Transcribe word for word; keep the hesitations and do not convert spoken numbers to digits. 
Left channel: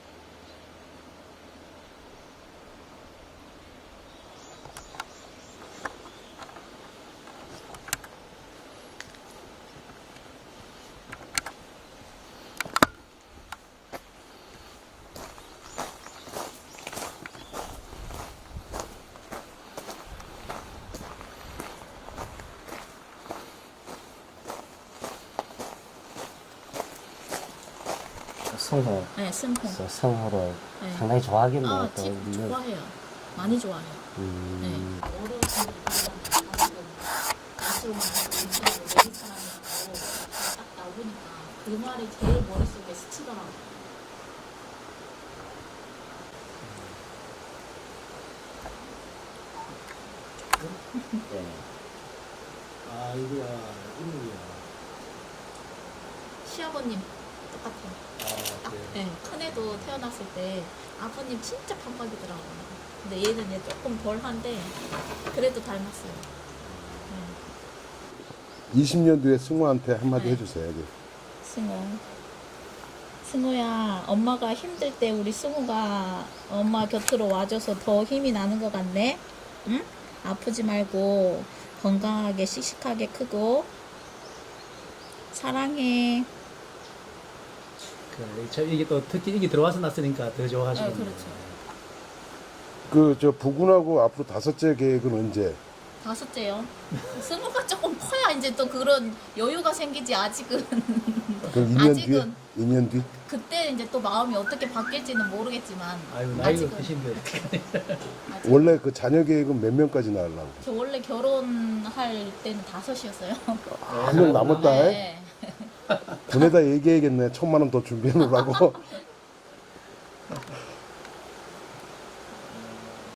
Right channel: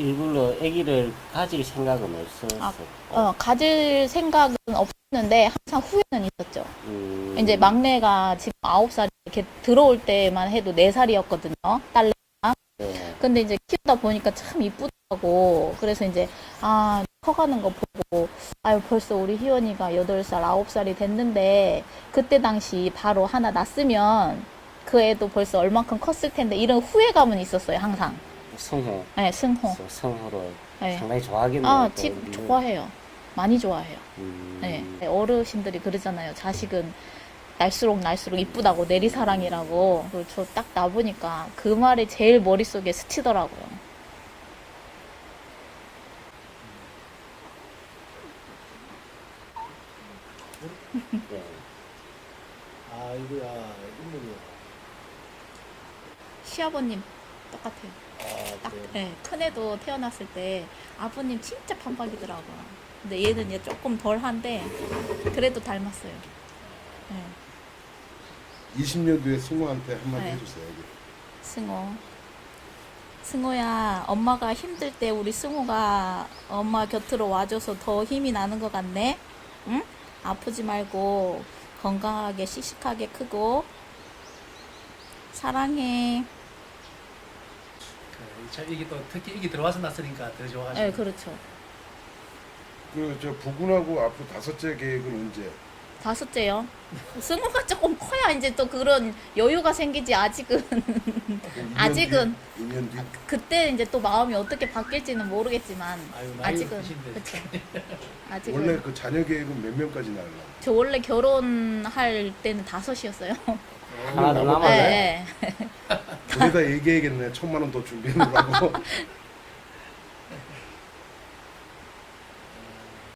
이걸로 아기를 가질 생각은 없었어. 아, 어, 가질 생각은 없었는데 항상 후회는 있었죠. 음, 이제 막내가 지금 아홉 살 이렇게 들어올 때만 해도 네 살이었거든요. 딸내미가. 네. 근데 이제 키우다 보니까 참 이쁘더라고. 그래서 이제 아 커가는 거 보고 아유 벌써 우리 희원이가 여덟 살, 아홉 살이 됐는데 그때 당시 바로 하나 낳았으면 그 애도 벌써 얼만큼 컸을 텐데 이런 후회감은 있었어요 항상. 성호, 네, 승호. 성호를 네. 상당히 좋아하겠네요. 아, 또. 집 좋아해요. 많이 좋아해요. 음, 네. 어르신들이 그러잖아요. 자식은 날수록 날수록 이쁘다고 내리사랑이라고. 저 딱 나보니까 그 말이 제일 머릿속에 스치더라고요. 네. 아, 이거야, 인물이야. 시아버님 똑같아요. 아, 딱, 그래. 네. 큰애도 태어났을 때 아버님 진짜 편박이더라고요. 근데 얘는 이제 조금 덜한데 그래도 닮았어요. 응. 이십 년 뒤에 승우한테 한마디 네. 해주세요. 여기. 승호. 승호야, 엄마가 힘들 때 우리 승호가 엄마 곁으로 와줘서 더 힘이 나는 것 같네? 응? 아프지 말고 건강하게 씩씩하게 크고 사랑해. 그, 저 이게 또 특히 이게 들어와서 났으니까 더 좋아하시고. 네, 그렇죠. 그 저 부군하고 앞으로 다섯째 계획은 언제? 다섯째요. 승호가 조금 커야 이제 또 그런 여유가 생기지. 아직은 그럼 이 년 아직은. 뒤? 이 년 뒤? 그때 이제 또 마음이 어떻게 바뀔지는 모르겠지만 아유, 나이가 아직은 드신데. 아직은. 원래 그 자녀 계획은 몇 명까지 낳으려고? 저 원래 결혼할 때는 다섯이었어요. 한 명 하나 남았다네? 네. 보내다 얘기해야겠네. 천만 원 더 준비해놓으라고.